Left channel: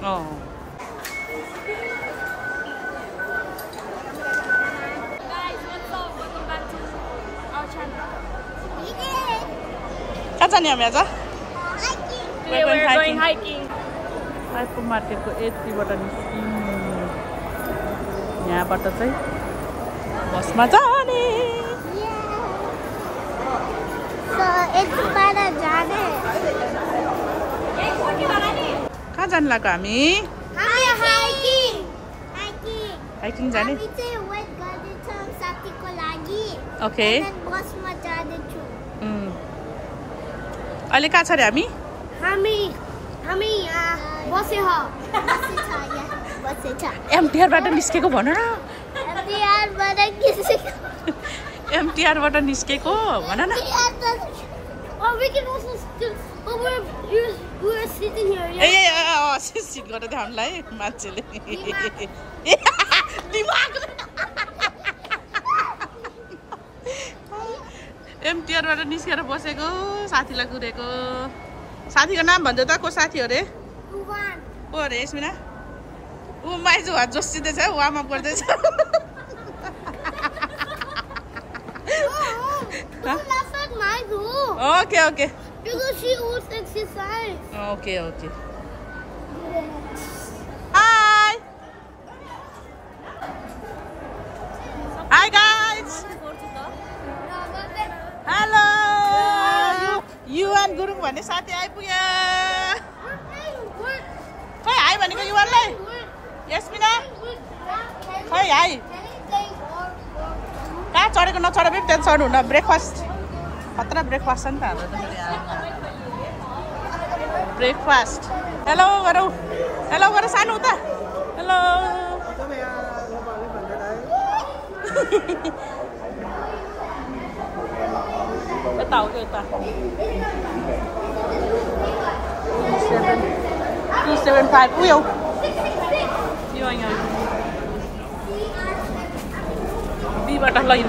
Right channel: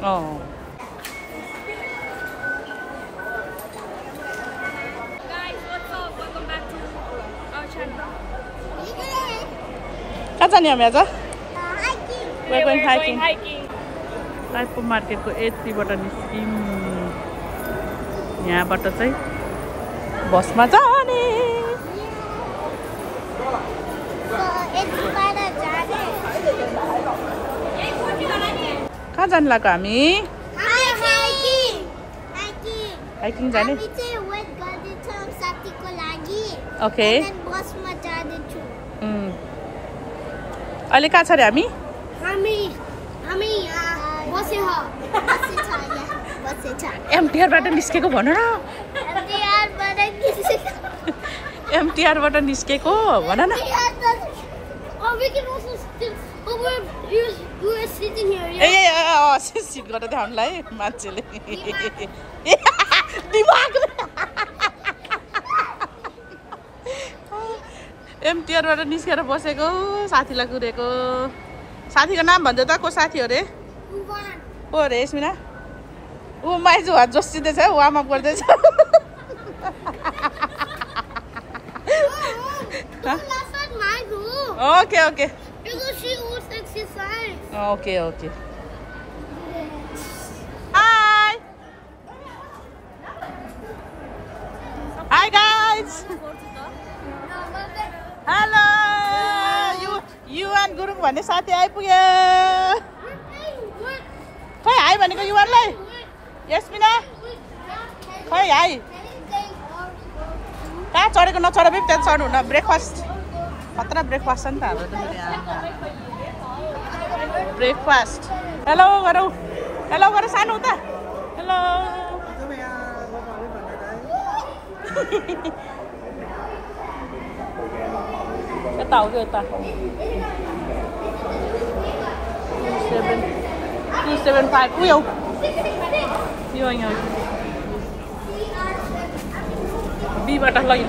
Oh. Guys, what's up? Welcome back to our channel. कहाँ जाने हामी आज? We're going hiking. टाइपको मार्केटको यतिबाट निस्किम यहाँबाट चाहिँ बसमा जाने कहाँ जानु लाग्यो हामी हाइकिङ जाने ओके अहिले कहाँ छ रे हामी एमटिआरबाट निस्केको भन न एमटिआरबाट निस्केको भन न सिट गरेर देखाउनुलाई मान्छेले एमटिआरबाट निस्केर बसेको साथीलाई कुरेको साथीको नाम भन्छ त को साथी हो रे को रे यस्मिना ऊ माइजु हात जोसिँदैछ वार्म अप गर्दैछ okay okay okay okay hi hi guys hello युवान गुरुङ भन्ने साथी आइपुग्यो खै हाई भनेको युवानलाई यस्मिना खै हाई कहाँ चढेको नचढे पनि त्यहाँ चढ्नु हुन ब्रेकफास्ट खतरा ब्रेकफास्ट छ नि त हाम्रो त फेरि ब्रेकफास्ट हेलो गरौँ हेलो गरौँ सानो उता हेलो यता हो कि यता 275 उयो यो यहाँ बीबाट लैन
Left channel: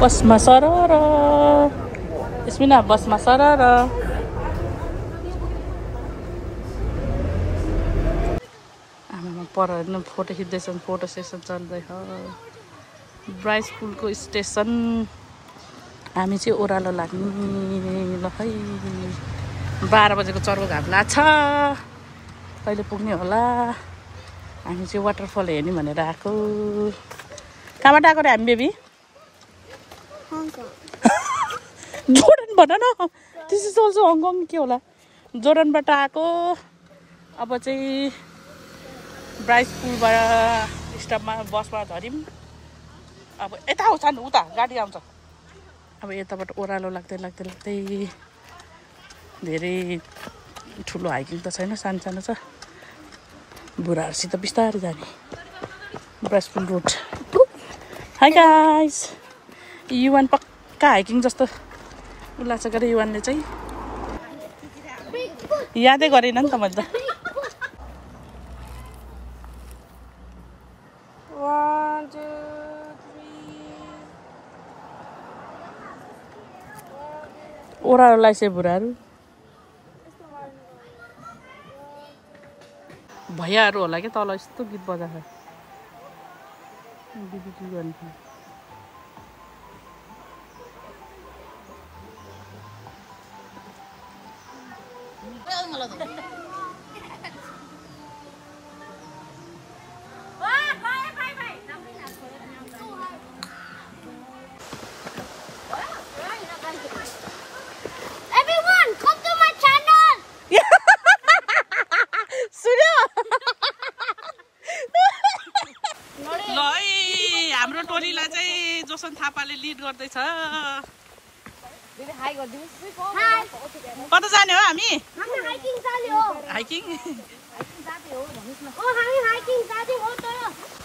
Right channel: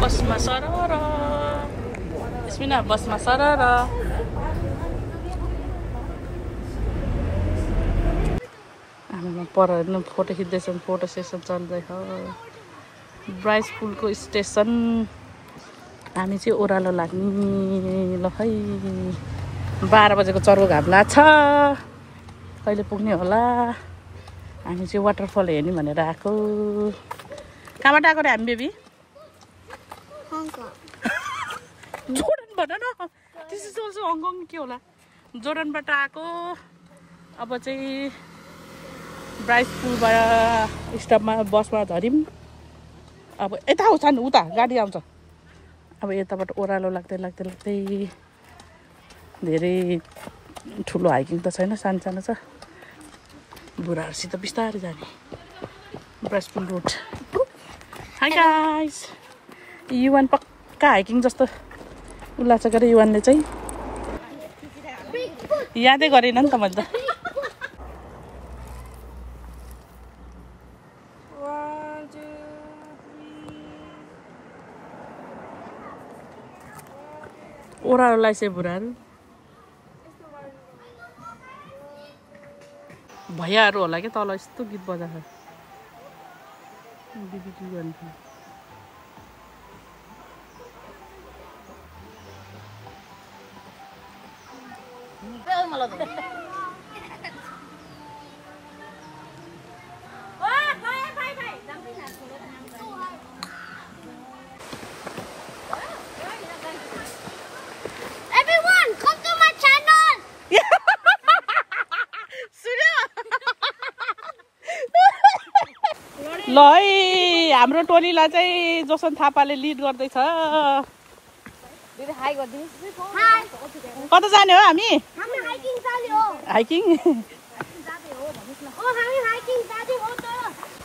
बसमा सरर यस्मिना बसमा सरर आमामा पर फोटो खिच्दैछन् फोटो सेसन चल्दै हो ब्राइस पुलको स्टेसन हामी चाहिँ ओह्रालो लाग्ने ल है 12 बजेको चर्को घाम लाग्छ कहिले पुग्ने होला हामी चाहिँ वाटरफल हेर्ने भनेर आएको कहाँबाट आएको रे हामी बेबी जोर्डन भन न दिस इज अल्सो हङकङ के होला जोर्डनबाट आएको अब चाहिँ ब्राइस पुलबाट स्टपमा बसमा झऱ्यौँ अब यता आउँछ नि उता गाडी आउँछ अब यताबाट ओह्रालो लाग्दै लाग्दै लाग्दै धेरै ठुलो हाइकिङ त छैन सानो सानो छ बुढाहरूसित बिस्तारै जाने ब्राइस पुल रोड हाई गाइस युवान पक्का हाइकिङ जस्तो उल्लास गरे युवानले चाहिँ यादै गरेन नि त मैले त ओह्रालो लाइसे बुढाहरू भैयाहरू होला क्या तल यस्तो गीत बजाएको दिदी के गर्नु ल है हाम्रो टोलीलाई चाहिँ जोसन थापाले लिड गर्दैछ कता जाने हो हामी हाइकिङ जाने हो हाइकिङ हामी हाइकिङ जाने हो त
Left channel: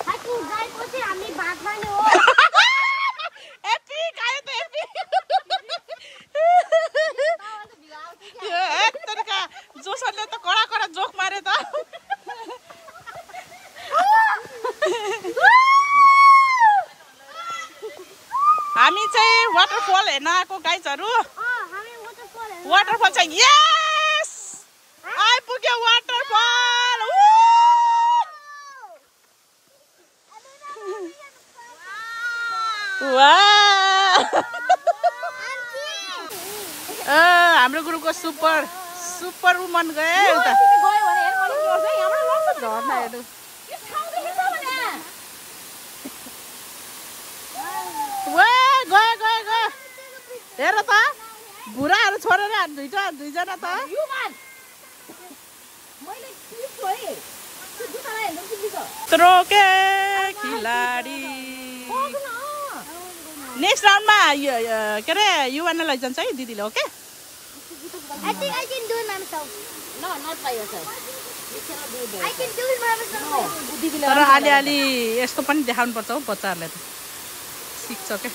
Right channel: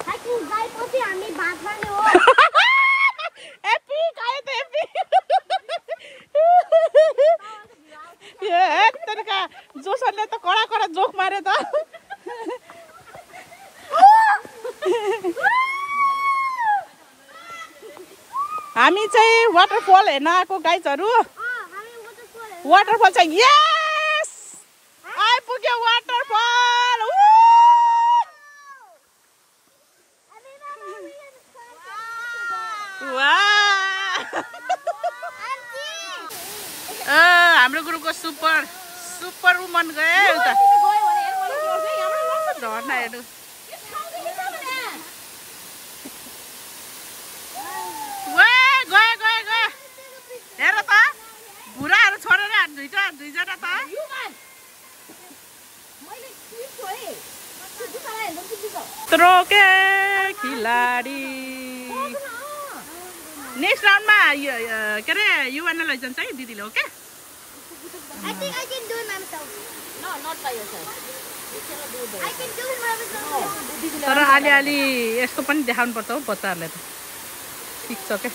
हाइकिङ गएपछि हामी भात खाने हो एपिक हामी चाहिँ वाटरफल हेर्न आएको गाइजहरु वाटरफल छ यस आइपुग्यो वाटरफल हाम्रो ग्रुपको सुपर वुमन गयो एउटा झर्ना हेर्नु गयो हेर त बुढाहरू छोडेर दुईजना त त्रोके खिलाडी नेक्स्ट राउन्डमा के अरे युवाना लैजान्छ है दिदीले ओके तर अलि यस्तो पनि देखाउनु पर्छ हौ बच्चाहरूलाई त सिक्छ के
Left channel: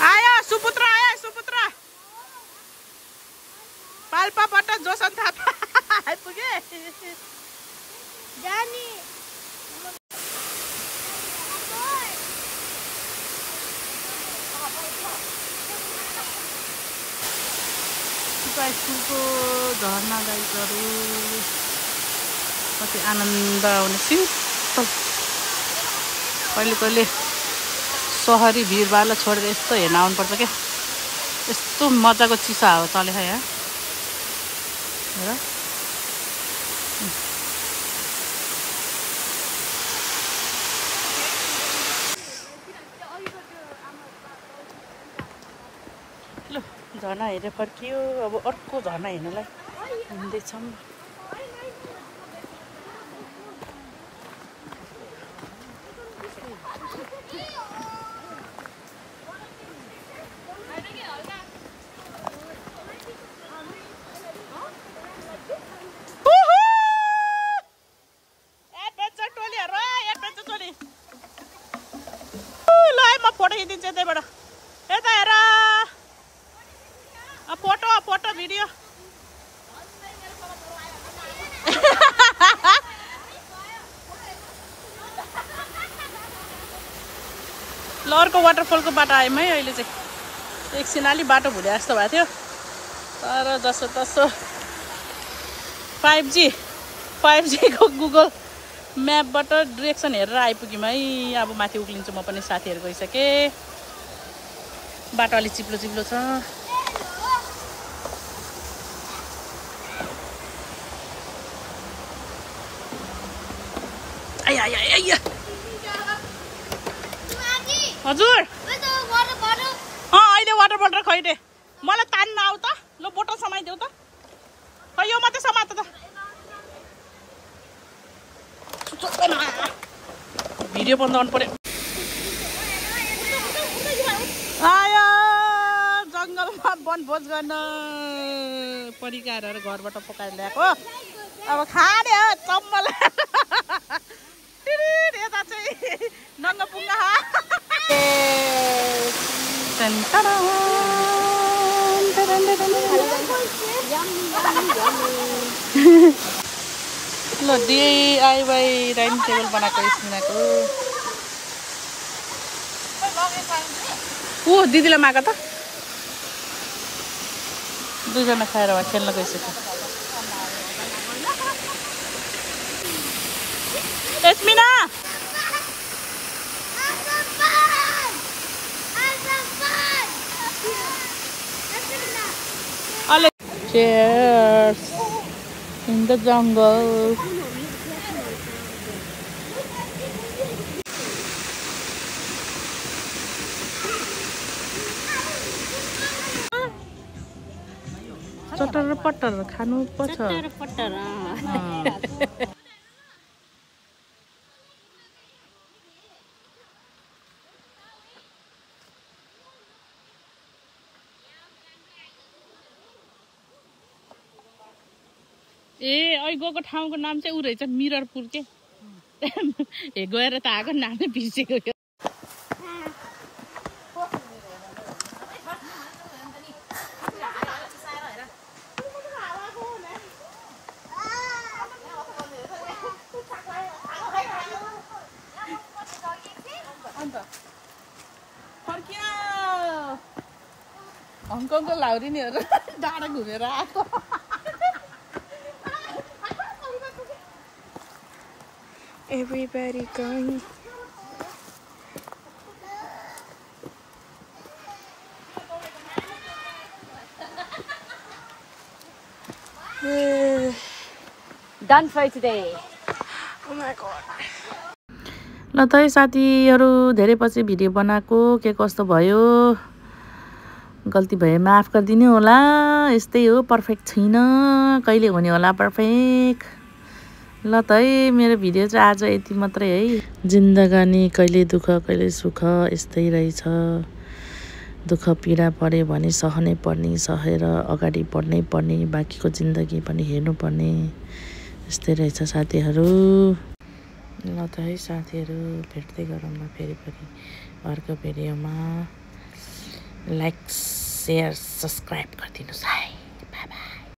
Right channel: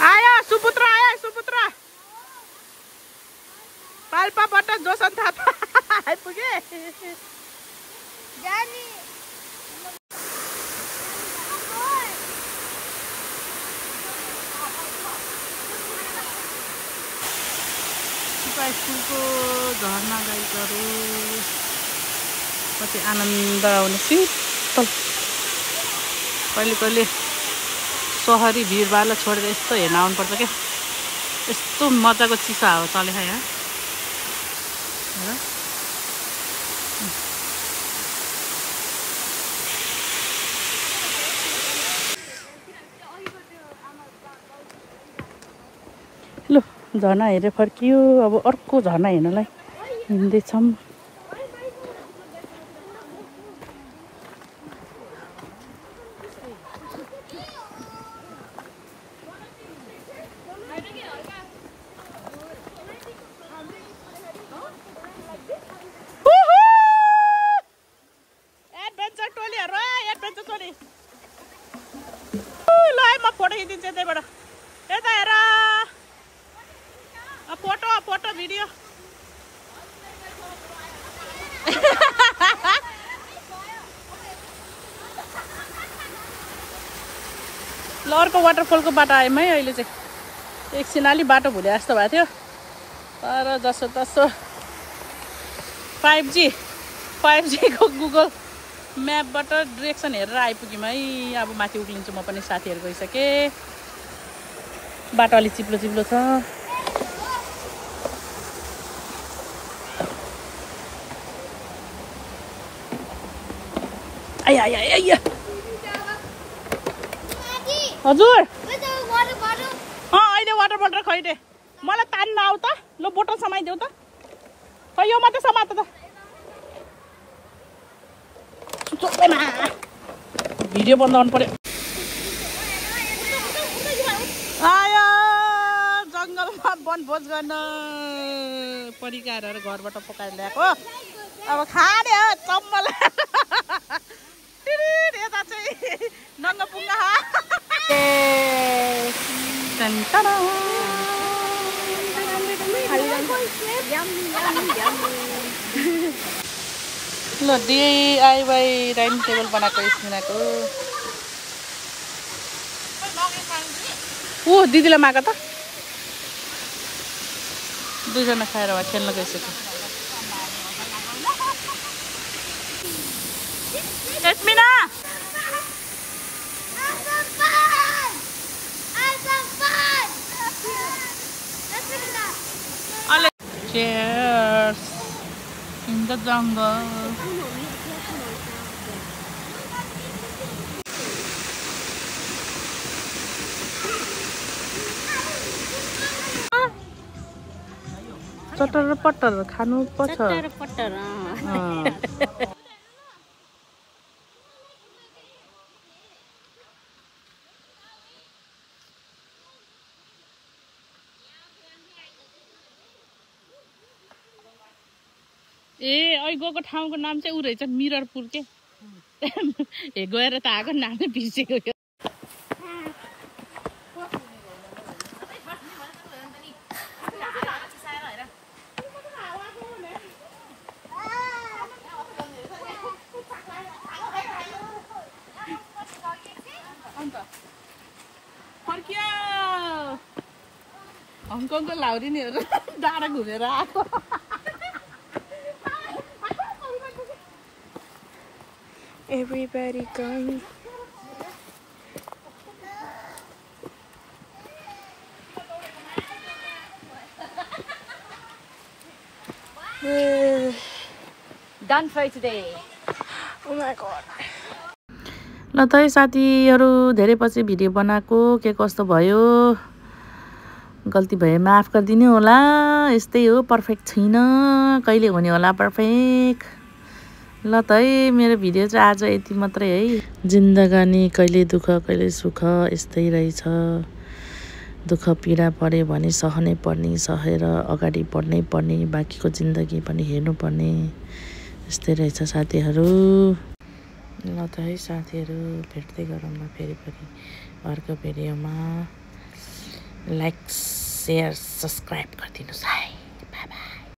आयो सुपुत्र पाल्पाबाट जोसन थापा आइपुगे स्कुलको झर्ना गाइजहरू कति आनन्द आउने शीतल कहिले सहरी भिडभाडलाई छोडेर यस्तो हेर्न आउनुपर्छ क्या यस्तो मजाको चिसा हो चले यहाँ हेर ल झर्ना हेरेर फर्कियो अब अर्को झर्ना हेर्नलाई हिँड्दैछौँ फोटो खिचिदिन्छु यतैबाट यता हेर फोटो भिडियो ल अर्को वाटरफलको बाटो आयौँ है अहिले चाहिँ एकछिन अलि बाटो भुले जस्तो भएको थियो तर जसो तसो 5G को गुगल म्यापबाट डिरेक्सन हेरेर आइपुग्यौँ है अब माथि उक्लिन्छु म पनि साथीहरू गइसके बाटो अलि चिप्लो छ हजुर अहिले वाटर बोटल खैटे मलाई तान्न आऊ त ल बोटल समाइदेऊ त खै यो मात्रै समात त भिडियो बन्द गर्नु पर्यो आयो जङ्गलमा वनभोज गर्न परिकारहरू घरबाट पकाएर ल्याएको अब खाने हो चम्मल यता चाहिँ नङ्गपुङ्गा ल DIY डाइनिङ टेबल बनाएको स्मिनाको ऊ दिदीलाई माग त दुईजना खाएर भए खेल्न गइसक्यो एस्मिना Cheers in the jungle. चटर पटर खानु पर्छ चटर पटर ए अहिले गएको ठाउँको नाम चाहिँ उ रहेछ मिररपुर के ए गएर त आएको नामै बिर्सेको हङकङको लाउरिनेहरू डाँडा घुमेर आएको Everybody going. Done for today. Oh my god. ल त है साथीहरू धेरै पछि भिडियो बनाएको के कस्तो भयो गल्ती भए माफ गरिदिनु होला यस्तै हो पर्फेक्ट छैन कहिले हुने होला पर्फेक्ट ल त है मेरो भिडियो चाहिँ आज यति मात्रै है जिन्दगानी कहिले दुःख कहिले सुख यस्तै रहेछ दुःख पीडा पर्यो भने सहनै पर्ने सहेर अगाडि बढ्नै पर्ने बाँकीको जिन्दगी पनि हेर्नुपर्ने यस्तै रहेछ साथीहरू ल त है साथीहरू भेट्दै गरौँ न फेरि अर्को भिडियोमा लाइक शेयर सब्सक्राइब गरिदिनुहोस् है